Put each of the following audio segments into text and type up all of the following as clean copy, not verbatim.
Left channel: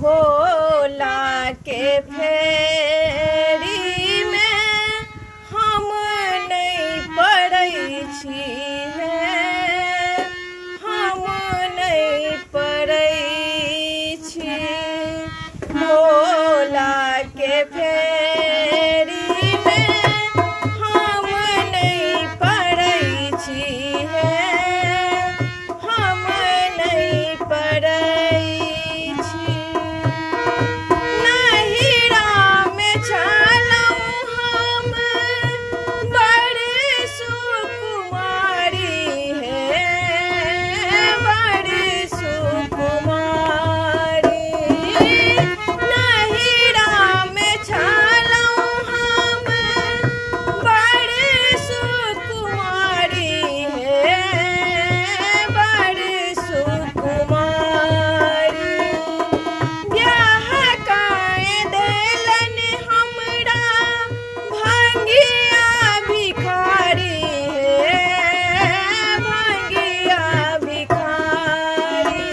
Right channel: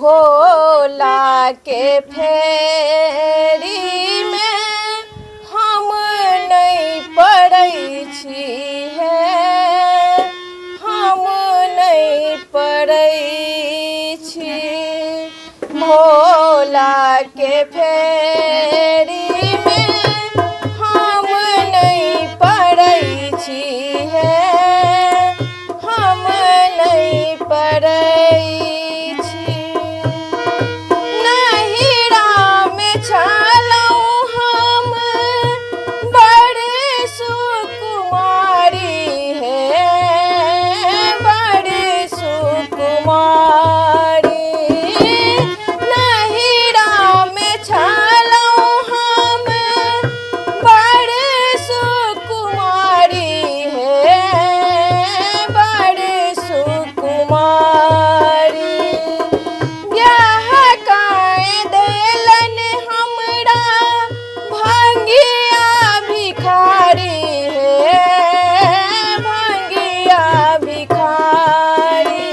भोला के फेरी में हम नहीं पड़ै छी है, हम नहीं पड़ै छी। भोला के फेरी में हम नहीं पड़ै छी है, हम नहीं पड़ै छी। नहिरा में छलहुँ हम बड़ सुकुमारी है, बड़ सुकुमारी। नहिरा में छलहुँ हम बड़ सुकुमारी है, बड़ सुकुमारी। ब्याह काए देलन हमरा भंगिया भिखारी है, भंगिया भिखारी।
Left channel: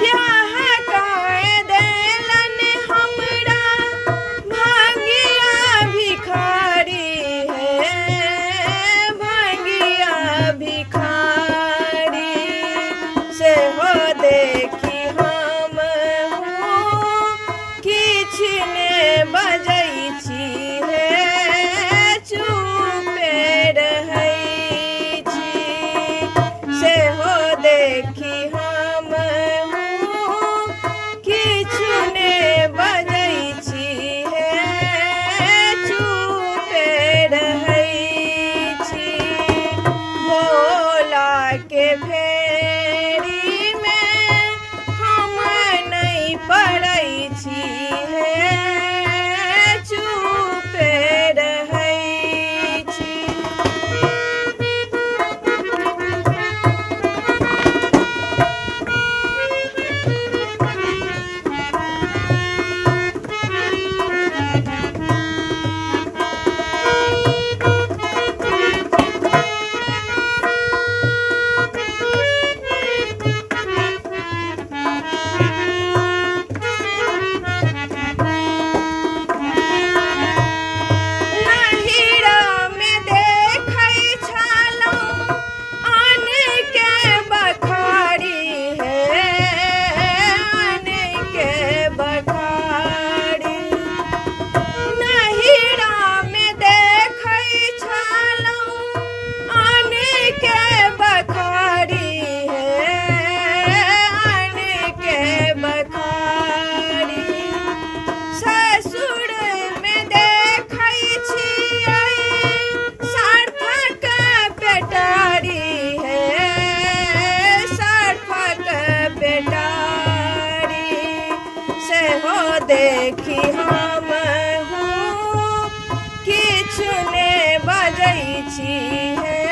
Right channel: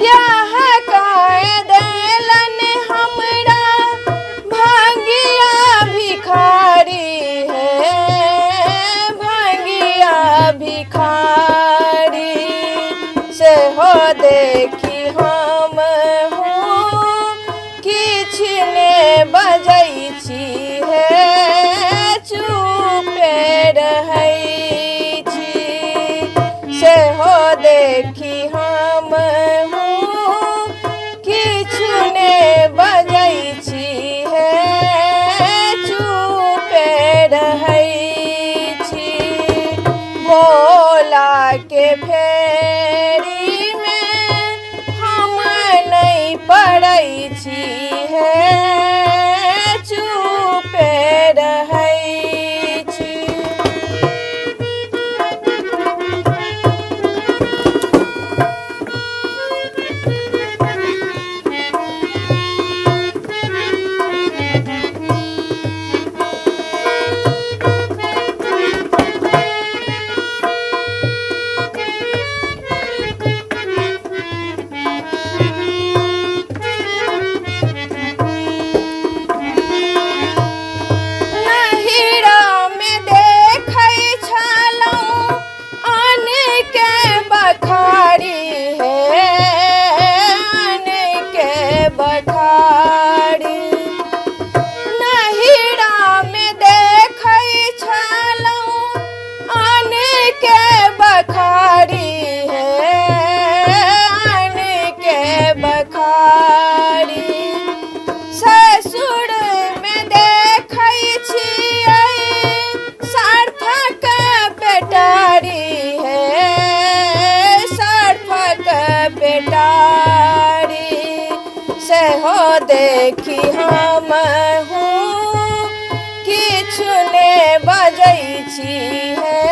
ब्याह काए देलन हमरा भंगिया भिखारी है, भंगिया भिखारी। से हो देखी हम हूँ किछ ने बजै छी है, चुपे रहै छी। से हो देखी हम हूँ किछ ने बजै छी है, चुपे रहै छी। भोला के फेरी में हम नहीं पड़ै छी है, चुपे रहै छी। नहिरा में देखै छलहुँ आन के बखारी है, आन के बखारी। नहिरा में देखै छलहुँ आन के बखारी है, आन के बखारी। ससुर में देखै छियै सार्थक पेटारी है, सार्थक पेटारी। से हो देखी हम हूँ किछ ने बजै छी है,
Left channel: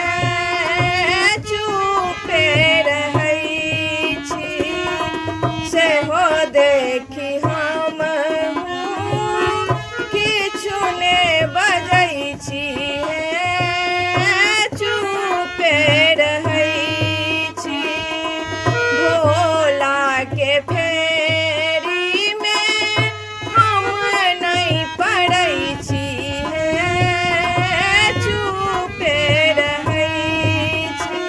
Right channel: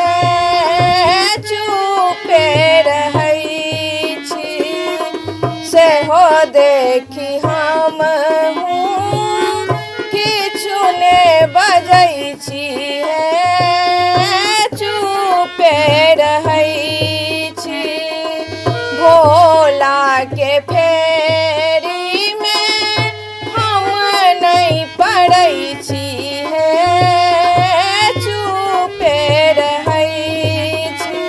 चुपे रहै छी। से हो देखी हम हूँ किछ ने बजै छी है, चुपे रहै छी। भोला के फेरी में हम नहीं पड़ै छी है, चुपे रहै छी।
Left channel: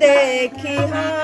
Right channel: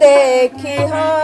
देखी हाँ